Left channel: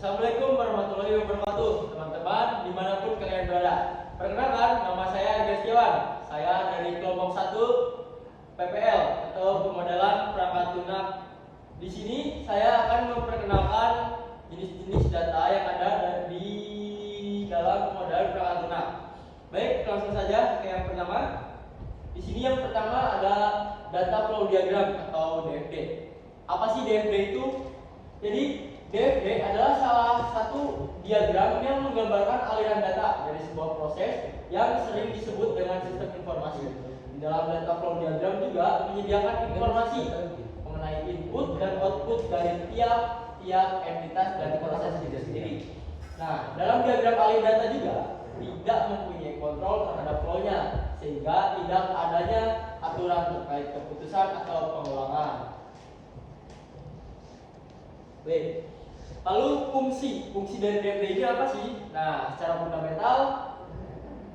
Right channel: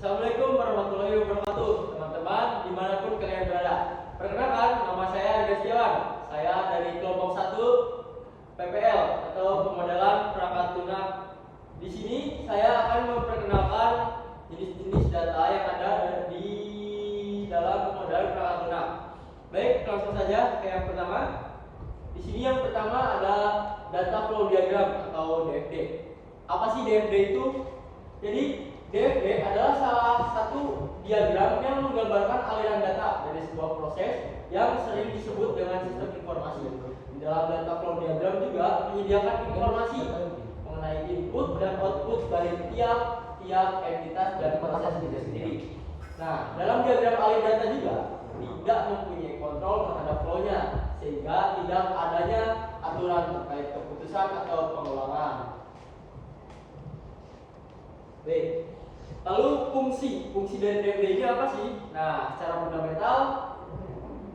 Assalamualaikum warahmatullahi wabarakatuh, teman-teman dimanapun kalian berada. Perkenalkan, nama saya Arga Setiawan. Saya dari kelompok 1 PPL atau pemodelan perangkat lunak. Di sini saya akan memperkenalkan jenis-jenis data yang ada di dalam pemodelan perangkat lunak. Baik, langsung saja ke yang pertama. Di sini yang pertama ada data flow diagram atau DFD. Apa sih DFD itu? Jadi DFD adalah salah satu diagram yang menggambarkan aliran data dari sebuah proses yang sering disebut dengan sistem informasi. Di dalam data flow diagram juga menyediakan informasi mengenai input dan output dari tiap entitas dan proses itu sendiri. Nah, dalam diagram aliran data juga tidak mempunyai kontrol terhadap flow-nya, sehingga tidak adanya aturan terkait keputusan atau pengulangan. Baik. Lalu fungsi dari DFD ini apa sih? Nah, secara fundamental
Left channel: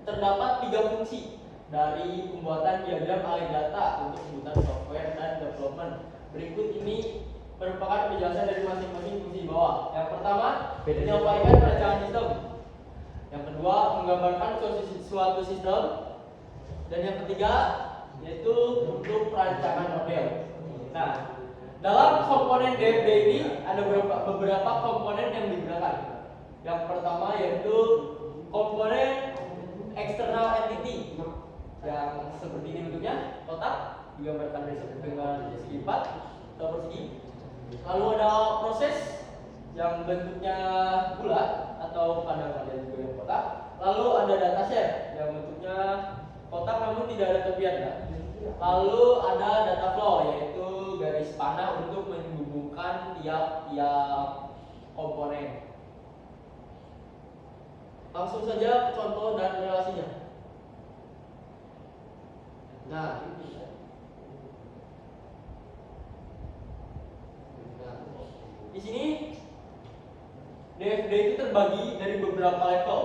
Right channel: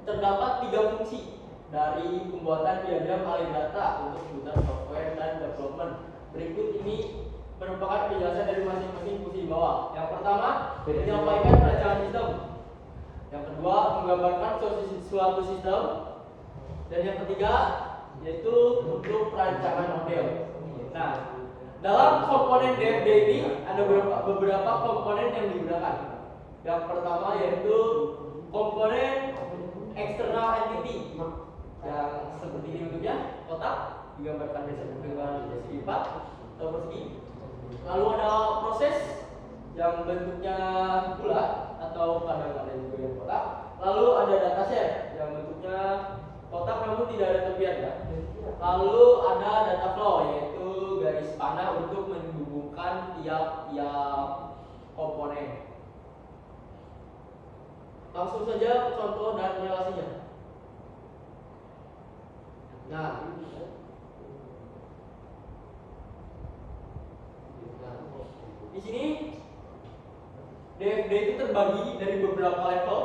terdapat 3 fungsi dari pembuatan diagram aliran data untuk kebutuhan software dan development. Berikut ini merupakan penjelasan dari masing-masing fungsi di bawah. Yang pertama, menyampaikan rancangan sistem. Yang kedua, menggambarkan suatu sistem. Dan yang ketiga, yaitu untuk perancangan model. Nah, dalam komponen DFD ini ada beberapa komponen yang digunakan. Yang pertama yaitu komponen external entity yang seperti ini bentuknya, kotak, digambarkan dengan segi 4 atau persegi. Lalu ada proses yang bentuknya bulat atau kadang ada juga yang kotak. Lalu ada dataset yang bentuknya kotak namun tidak ada tepian ya. Lalu ada data flow yaitu garis panah untuk menghubungkan tiap komponen. Langsung saja ke contoh dan relasinya. Nah, di sini DFD itu terbagi dari beberapa level.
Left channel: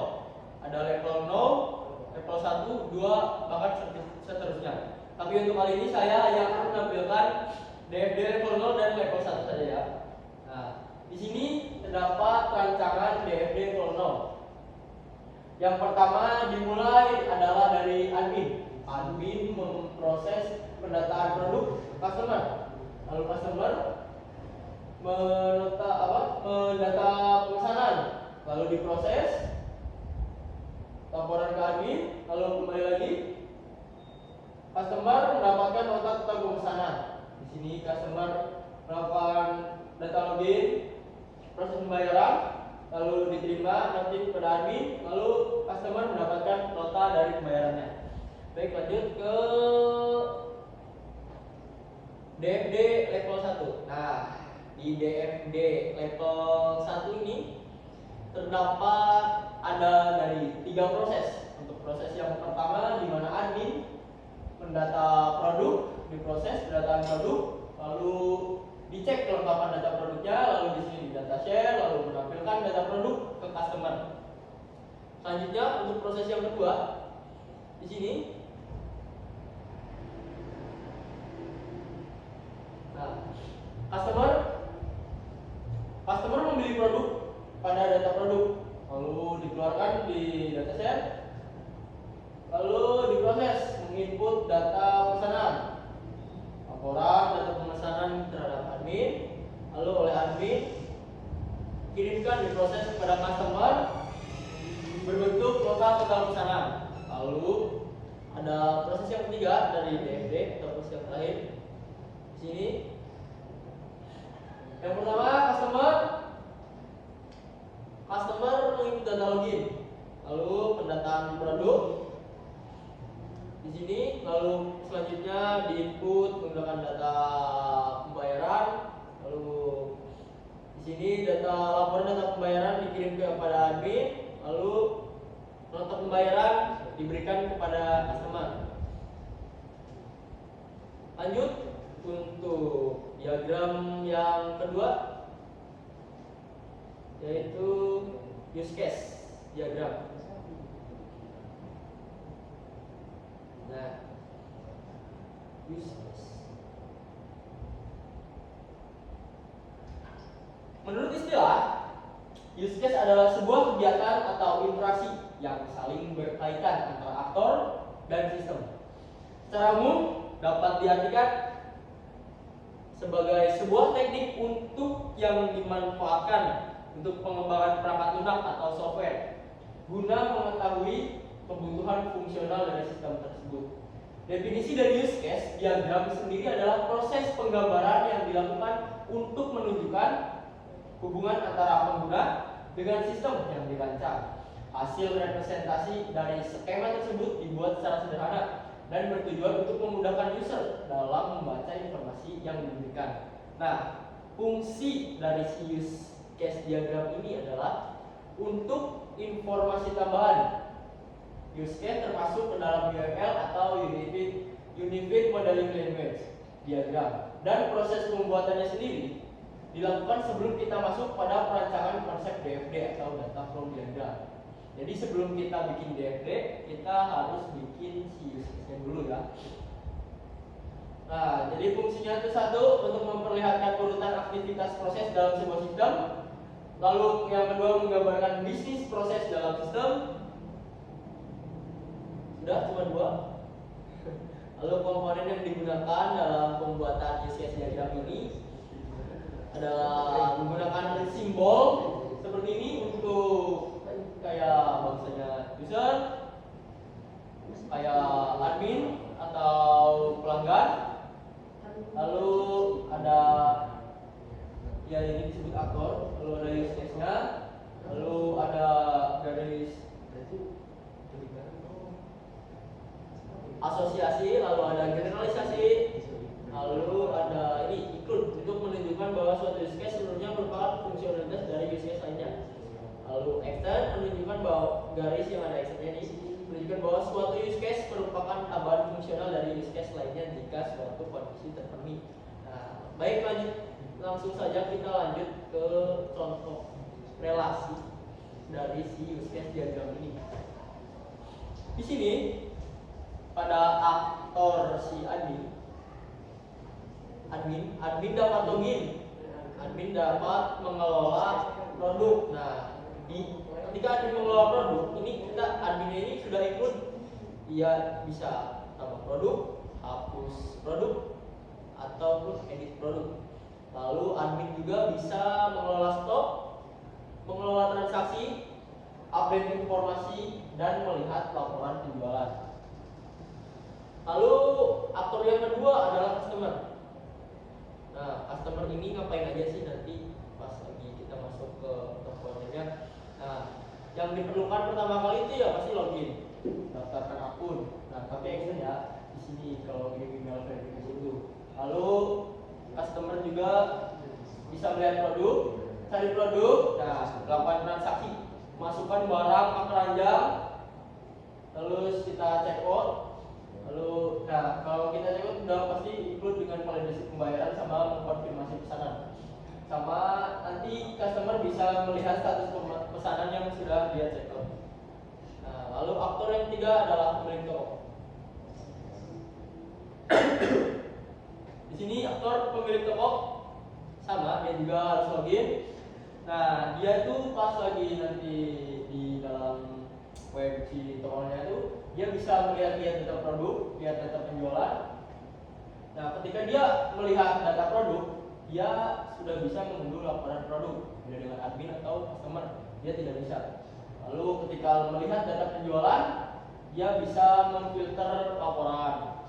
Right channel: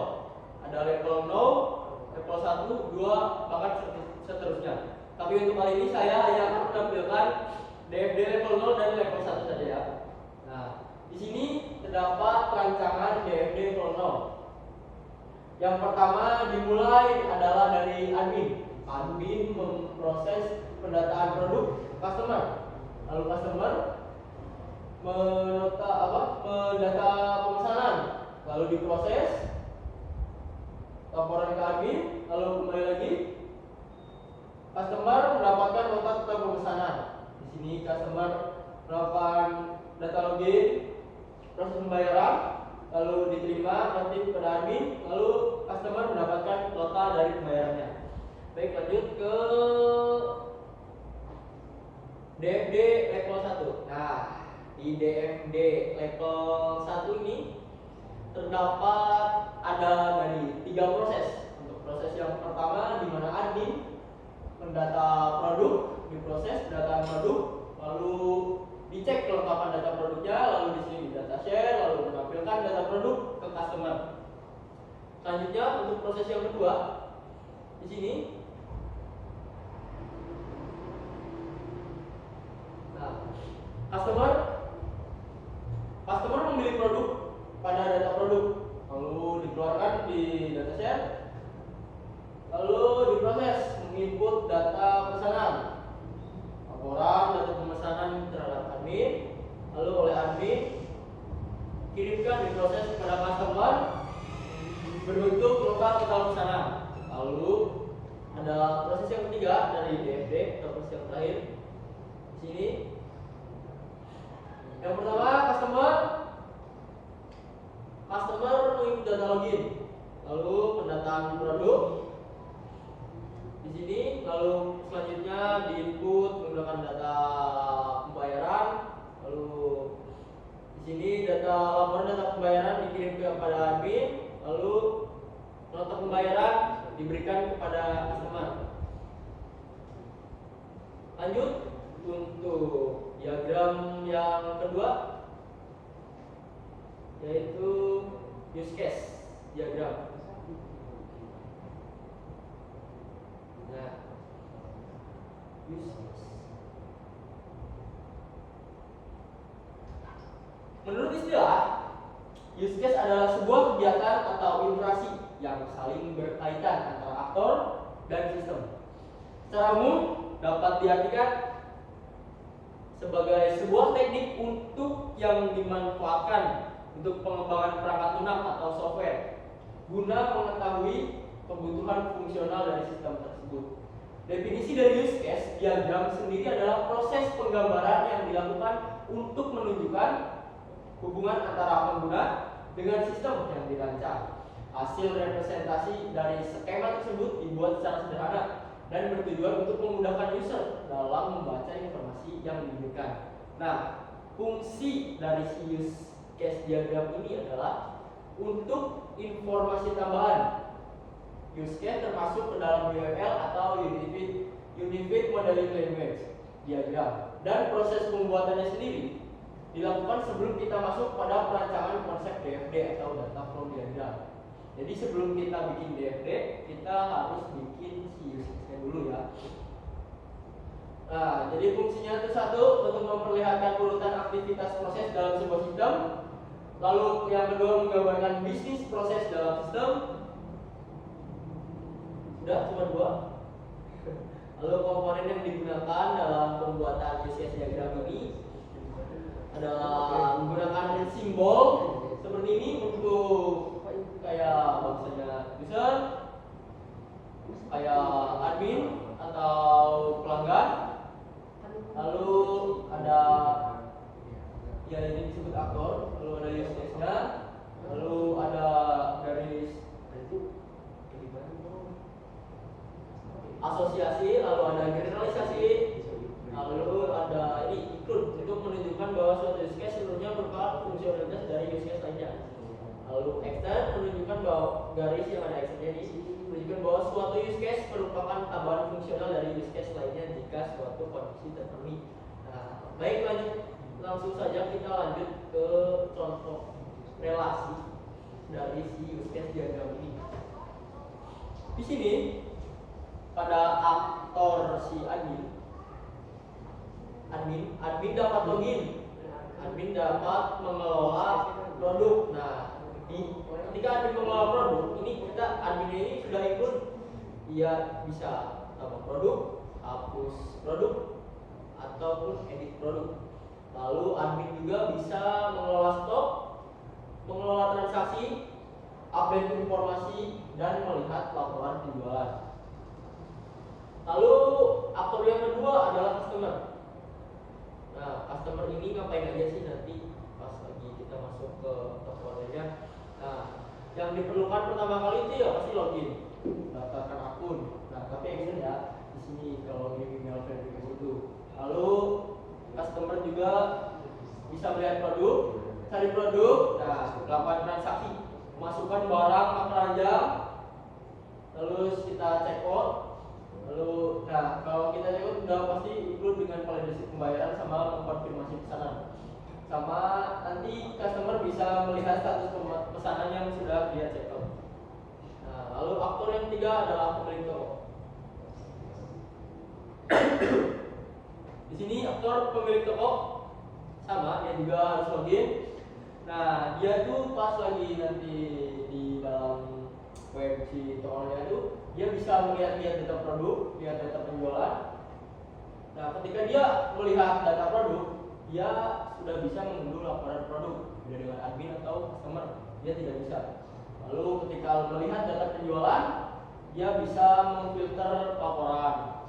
Ada level 0, level 1, 2, bahkan seterusnya. Tapi untuk kali ini saya hanya akan menampilkan DFD level 0 dan level 1 saja ya. Nah, di sini terdapat rancangan DFD level 0. Yang pertama dimulai adalah dari admin. Admin memproses pendataan produk customer. Lalu customer mendata pemesanan, lalu diproses, laporan ke admin, lalu kembali lagi. Customer mendapatkan nota tentang pemesanan. Di sini customer melakukan data login, proses pembayaran, lalu diterima notif pada admin, lalu customer mendapatkan nota dari pembayarannya. Baik, lanjut ke DFD level 1. Nah, di DFD level 1 ini terdapat ada dari 3 proses. Untuk proses yang pertama di mana admin mendata produk, diproses pendataan produk, lalu dicek kelengkapan data produknya, lalu di sini di data share, lalu menampilkan data produk ke customer. Selanjutnya untuk proses yang kedua di sini. Nah, customer memilih produk pada data produk, lalu dikeluarkan di data share, lalu diproses menginput data pesanan, laporan data pemesanan terhadap admin, lalu oleh admin kirimkan diproses kepada customer berbentuk nota total pesanan. Lalu ada proses yang ketiga dari DFD atau proses yang terakhir di sini. Yang pertama customer menginput data login, lalu pendataan produk di sini, lalu selanjutnya diinput menggunakan data pembayaran, lalu di sini laporan data pembayaran dikirim kepada admin, lalu nota pembayaran diberikan kepada customer. Lanjut untuk diagram yang kedua yaitu use case diagram. Nah, use case. Menurut istilah Use case adalah sebuah kegiatan atau interaksi yang saling berkaitan antara aktor dan sistem. Secara umum dapat diartikan sebagai sebuah teknik untuk yang dimanfaatkan untuk pengembangan perangkat lunak atau software guna mengetahui kebutuhan fungsional dari sistem tersebut. Definisi dari use case diagram sendiri adalah proses penggambaran yang dilakukan untuk menunjukkan hubungan antara pengguna dengan sistem yang dirancang. Hasil representasi dari skema tersebut dibuat secara sederhana dan bertujuan untuk memudahkan user dalam membaca informasi yang diberikan. Nah, fungsi dari si use case diagram ini adalah untuk informasi tambahan. Use case termasuk ke dalam UML atau Unified Modeling Language diagram, dan proses pembuatannya sendiri dilakukan sebelum kita masuk pada perancangan konsep DFD atau Data Flow Diagram. Jadi sebelum kita bikin DFD, kita harus bikin si use case-nya dulu ya. Nah, jadi fungsinya itu satu, untuk memperlihatkan urutan aktivitas proses dalam sebuah sistem. Lalu yang kedua, menggambarkan bisnis proses dalam sistem. Sudah, cuma dua. Lalu komponen yang digunakan dalam pembuatan use case diagram ini adalah menggunakan simbol seperti ini untuk kayak misalnya user, kayak admin atau pelanggan. Lalu ada ya ini disebut aktor, lalu ada use case-nya, lalu ada garis asosiasi, lalu ada generalisasi, lalu ada ini include untuk menunjukkan bahwa suatu use case seluruhnya merupakan fungsionalitas dari use case lainnya. Lalu extend menunjukkan bahwa garis yang ada extendnya ini menunjukkan bahwa suatu use case merupakan tambahan fungsional dari use case lainnya jika suatu kondisi terpenuhi. Nah, baik, langsung saja kita lanjut ke contoh relasi dari si use case diagram ini. Di sini pada aktor si admin dapat login, admin dapat mengelola produk. Nah, ketika admin mengelola produk ini, kita adminnya ini sudah ikut, dia bisa tambah produk, hapus produk, ataupun edit produk. Lalu admin juga bisa mengelola stok, mengelola transaksi, update informasi, dan melihat laporan penjualan. Lalu aktor yang kedua adalah customer. Nah, customer ini ngapain aja sih nanti pas lagi kita masuk ke komponennya. Nah, yang diperlukan pertama kali itu ya pasti login, daftarkan akun. Nah, tapi action ya di sini kalau login email verifikasi itu. Lalu customer juga bisa melihat produk, cari produk, nah, melakukan transaksi, masukkan barang ke keranjang, lalu kita check out. Lalu, nah, kalau kita check out udah pasti include dengan validasi pembayaran sama mengkonfirmasi pesanan. Sama nanti customer bisa melihat status pesanan yang sudah dia check out. Nah, lalu aktor yang ketiga adalah pemilik toko. Di sini aktor pemilik toko sama, dia juga harus login. Nah, dia tuh pas lagi nanti di dalam web si tokonya itu, dia bisa melihat data produk, lihat data penjualan. Nah, ketika dia melihat data produk, dia sudah bisa mengunduh laporan produk. Beda dengan admin atau customer, dia tidak bisa. Lalu ketika melihat data penjualan, dia bisa memfilter laporan.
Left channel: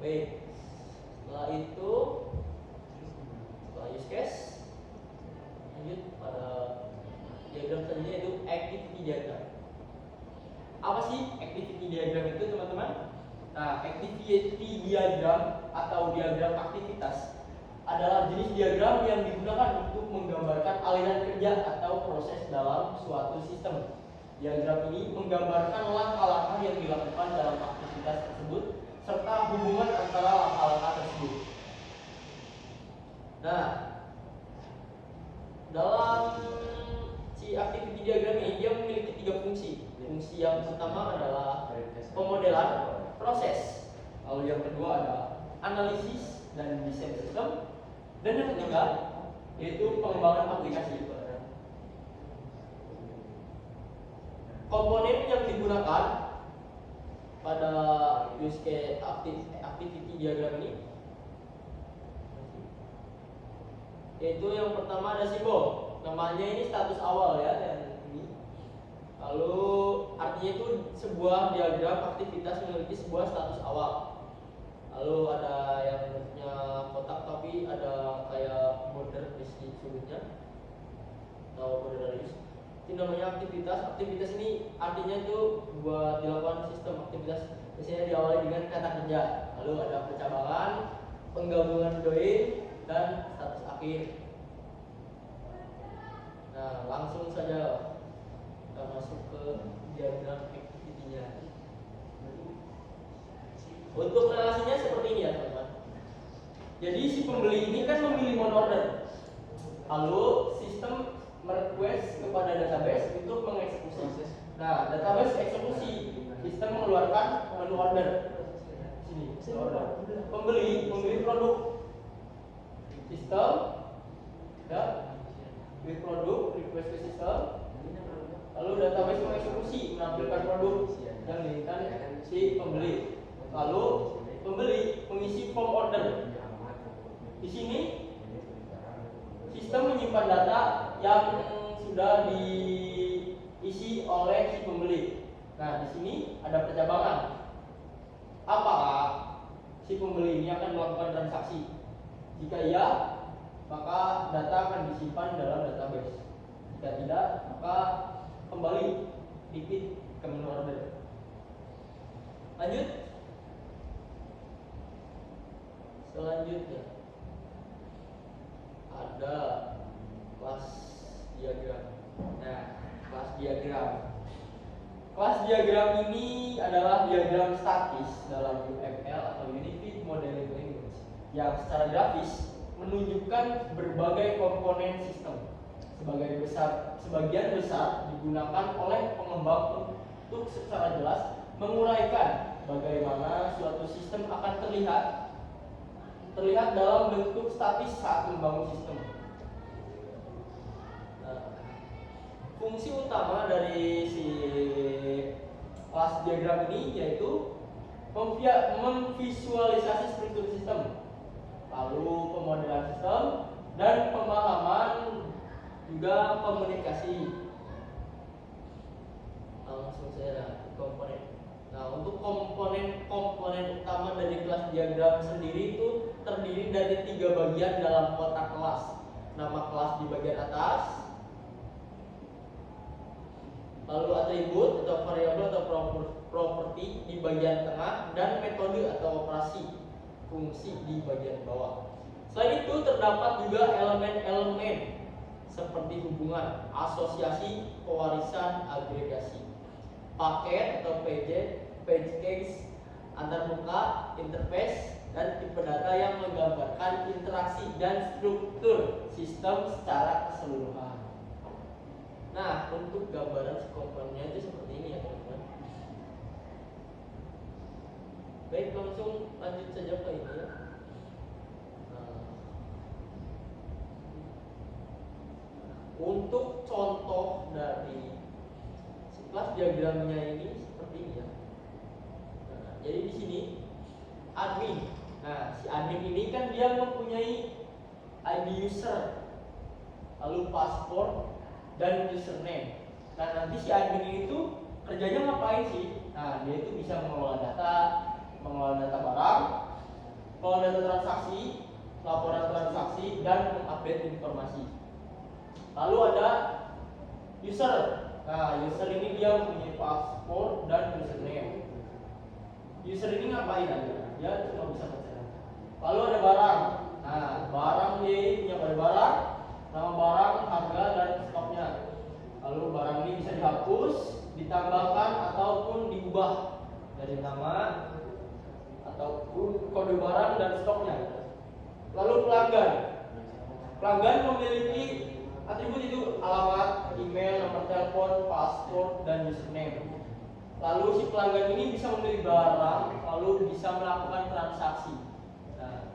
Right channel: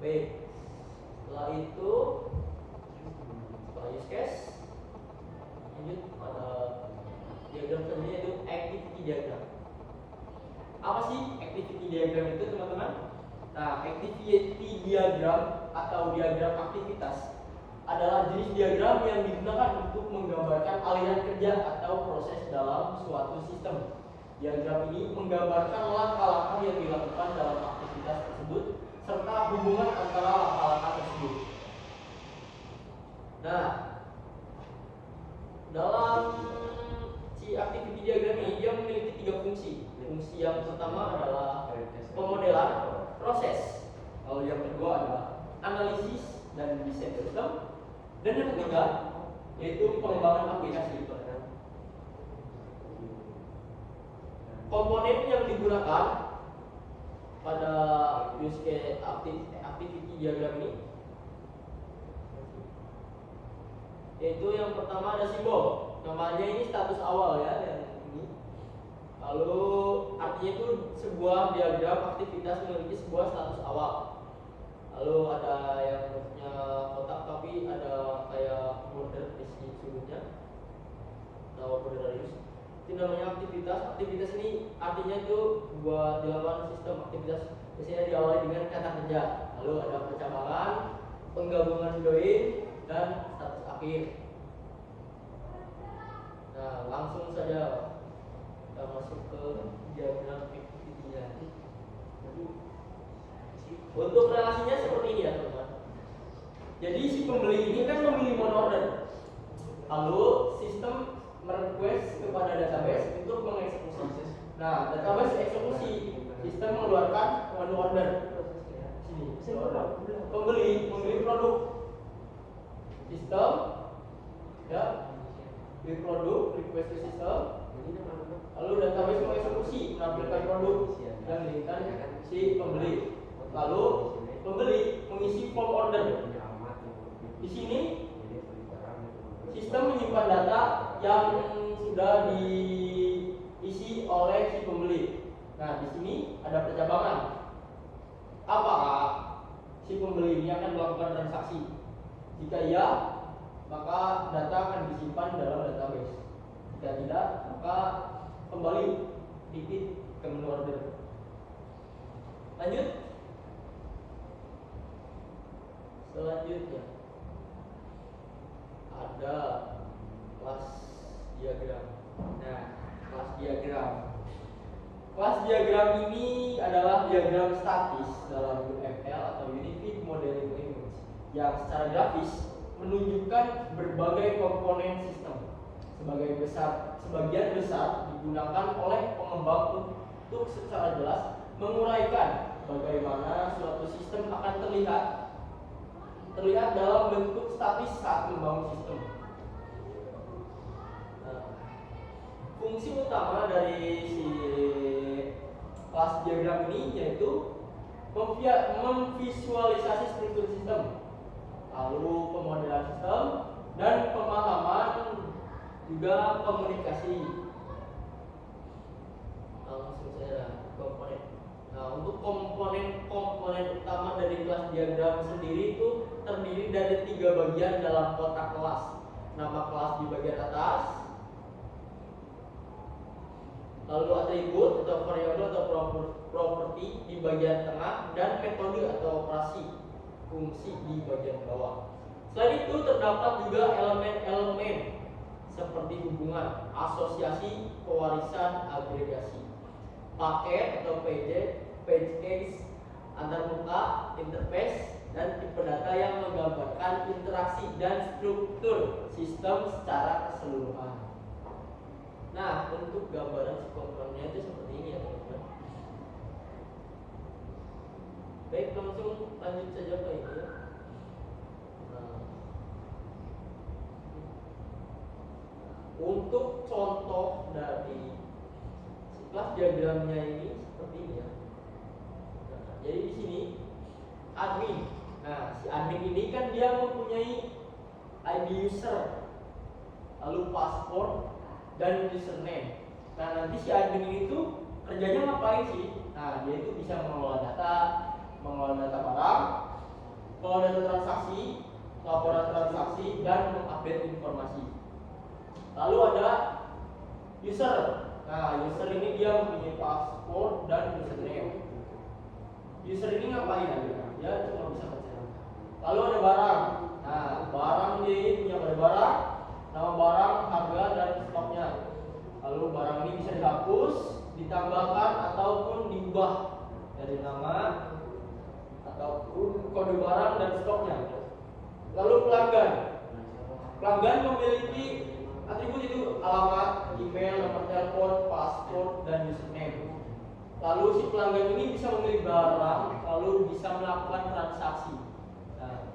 Baik, setelah itu, setelah use case, lanjut pada diagram selanjutnya, yaitu activity diagram. Apa sih activity diagram itu, teman-teman? Nah, activity diagram atau diagram aktivitas adalah jenis diagram yang digunakan untuk menggambarkan aliran kerja atau proses dalam suatu sistem. Diagram ini menggambarkan langkah-langkah yang dilakukan dalam aktivitas tersebut serta hubungan antara langkah-langkah tersebut. Nah, dalam si activity diagram ini dia memiliki 3 fungsi. Fungsi yang pertama adalah pemodelan proses. Lalu yang kedua ada analisis dan desain sistem. Dan yang ketiga yaitu pengembangan aplikasi. digunakan pada use case activity diagram ini, yaitu yang pertama ada simbol, namanya ini status awal ya, yang ini. Lalu artinya itu sebuah diagram aktivitas memiliki sebuah status awal. Lalu ada yang bentuknya kotak tapi ada kayak border di sudutnya atau border radius. Itu namanya aktivitas. Aktivitas ini artinya itu buat dilakukan sistem aktivitas, biasanya diawali dengan kata kerja. Lalu ada percabangan, penggabungan join, dan status akhir. Nah, langsung saja kita masuk ke diagram activity-nya. Untuk relasinya seperti ini ya teman-teman. Jadi si pembeli ini kan memilih mode order. Lalu sistem merequest kepada database untuk mengeksekusi. Nah, database eksekusi, sistem mengeluarkan menu order. Sini, pembeli produk. Sistem ya, beli produk, request ke sistem. Lalu database mengeksekusi, menampilkan produk yang diinginkan si pembeli. Lalu pembeli mengisi form order. Di sini sistem menyimpan data yang sudah diisi oleh si pembeli. Nah, di sini ada percabangan. Apakah si pembeli ini akan melakukan transaksi? Jika iya, maka data akan disimpan dalam database. Jika tidak, maka kembali repeat ke menu order. Lanjut. Selanjutnya ada kelas diagram. Nah, kelas diagram. Kelas diagram ini adalah diagram statis dalam UML atau Unified Modeling Language yang secara grafis menunjukkan berbagai komponen sistem. Sebagian besar digunakan oleh pengembang untuk secara jelas menguraikan bagaimana suatu sistem akan terlihat dalam bentuk statis saat membangun sistem. Nah, fungsi utama dari si kelas diagram ini yaitu memvisualisasi struktur sistem, lalu pemodelan sistem, dan pemahaman juga komunikasi. Langsung saja komponen. Nah, untuk komponen utama dari kelas diagram sendiri itu terdiri dari 3 bagian dalam kotak kelas. Nama kelas di bagian atas, lalu atribut atau variabel atau properti di bagian tengah, dan metode atau operasi fungsi di bagian bawah. Selain itu terdapat juga elemen-elemen seperti hubungan, asosiasi, pewarisan, agregasi, paket atau page case, antarmuka, interface, dan tipe data yang menggambarkan interaksi dan struktur sistem secara keseluruhan. Nah, bentuk gambaran si komponennya itu seperti ini ya teman-teman. Baik, langsung lanjut saja ke ini ya. Untuk contoh dari kelas diagramnya ini seperti ini ya. Nah, jadi di sini admin. Nah, si admin ini kan dia mempunyai ID user, lalu password dan username. Nah, nanti si admin ini tuh kerjanya ngapain sih? Nah, dia itu bisa mengelola data barang, mengelola data transaksi, laporan transaksi, dan mengupdate informasi. Lalu ada user. Nah, user ini dia mempunyai password dan username. User ini ngapain aja? Dia cuma bisa baca data. Lalu ada barang. Nah, barang ini punya pada barang, nama barang, harga, dan stoknya. Lalu barang ini bisa dihapus, ditambahkan ataupun diubah dari nama ataupun kode barang dan stoknya. Lalu pelanggan. Pelanggan memiliki atribut itu alamat, email, nomor telepon, password, dan username. Lalu si pelanggan ini bisa memilih barang, lalu bisa melakukan transaksi. Nah,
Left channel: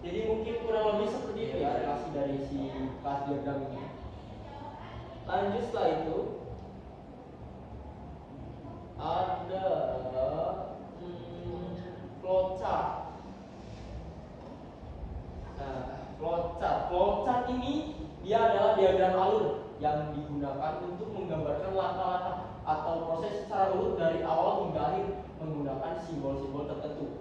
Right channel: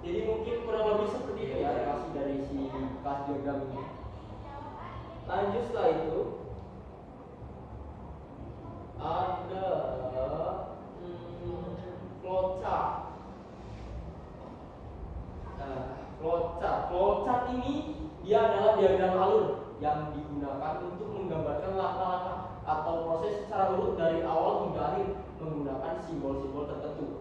jadi mungkin kurang lebih seperti itu ya relasi dari si kelas diagram ini. Lanjut setelah itu ada flowchart. Nah, flowchart ini dia adalah diagram alur yang digunakan untuk menggambarkan langkah-langkah atau proses secara urut dari awal hingga akhir menggunakan simbol-simbol tertentu.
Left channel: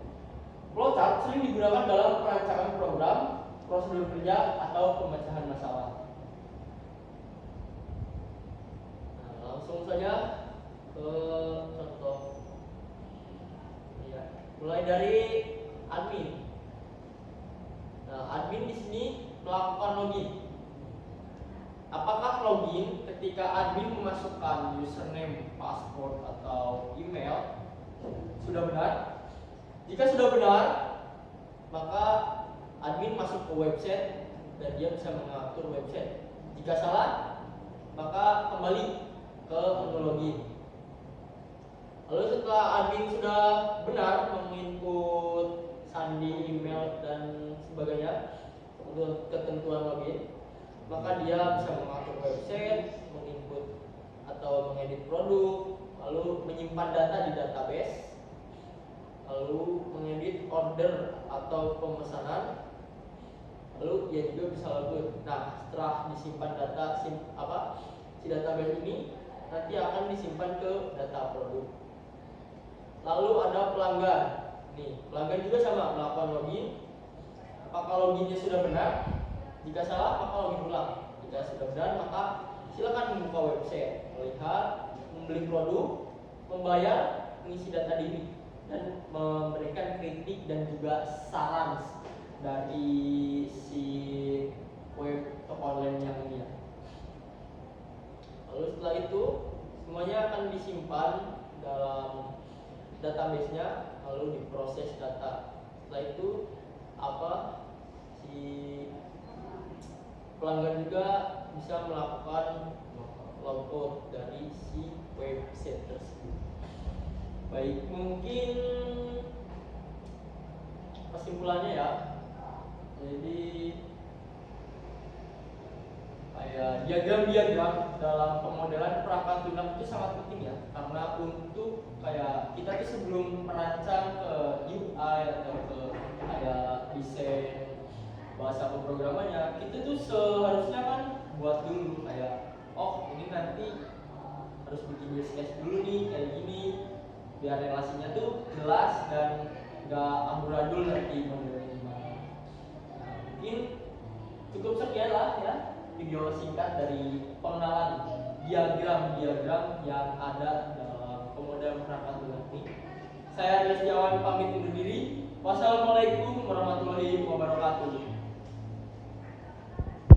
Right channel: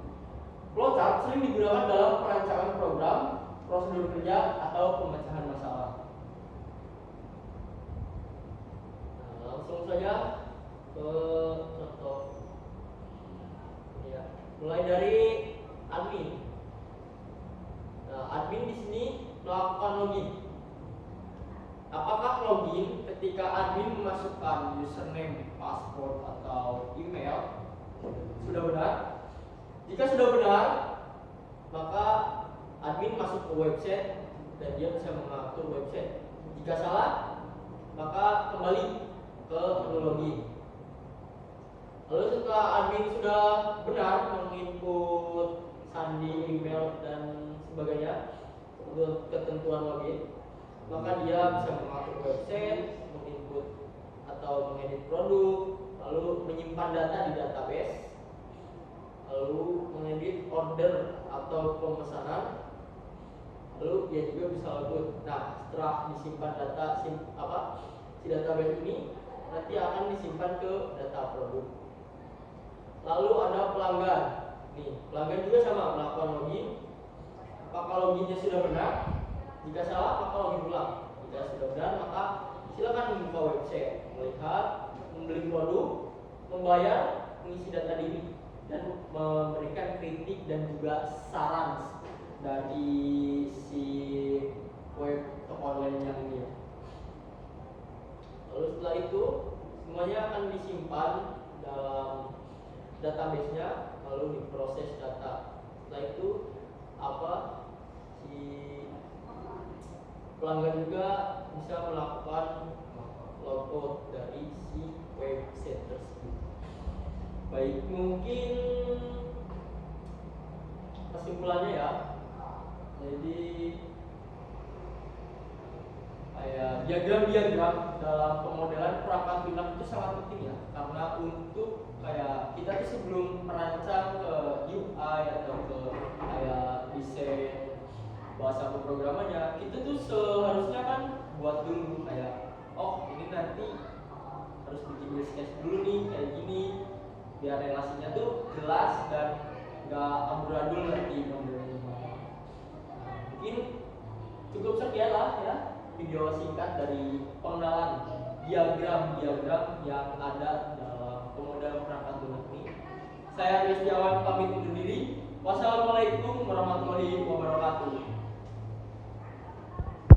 Flowchart sering digunakan dalam perancangan program, prosedur kerja, atau pemecahan masalah. Nah, langsung saja ke contoh. Ya, mulai dari admin. Nah, admin di sini melakukan login. Apakah login ketika admin memasukkan username, password, atau email sudah benar? Jika sudah benar, maka admin masuk ke website dan dia bisa mengatur website. Jika salah, maka kembali ke menu login. Lalu setelah admin sudah benar menginput sandi, email, dan sebagainya untuk ketentuan login, maka dia bisa mengatur website, menginput atau mengedit produk, lalu menyimpan data di database, lalu mengedit order atau pemesanan, lalu dia juga bisa logout. Nah, setelah disimpan data si database ini nanti akan disimpan ke data produk. Lalu ada pelanggan. Nih, pelanggan juga sama melakukan login. Apakah loginnya sudah benar? Jika salah, maka login ulang. Jika sudah benar, maka silakan membuka website, melihat, membeli produk, membayar, mengisi data diri, dan memberikan kritik dan juga saran dari si web toko online yang ini ya. Lalu setelah itu semuanya akan disimpan dalam database-nya, lalu diproses data. Setelah itu si pelanggan juga bisa melakukan logout dari si website tersebut. Baik, mungkin kesimpulannya ya. Jadi kayak diagram-diagram dalam pemodelan perangkat lunak itu sangat penting ya, karena untuk kayak kita tuh sebelum merancang ke UI atau ke kayak desain bahasa pemrogramannya, kita tuh seharusnya kan buat dulu kayak ini nanti harus bikin use case dulu nih kayak gini biar relasinya tuh jelas dan nggak amburadul nanti modelnya. Nah, mungkin cukup sekian lah ya video singkat dari pengenalan diagram-diagram yang ada dalam pemodelan perangkat lunak ini. Saya Rizky Awan pamit undur diri. Wassalamualaikum warahmatullahi wabarakatuh.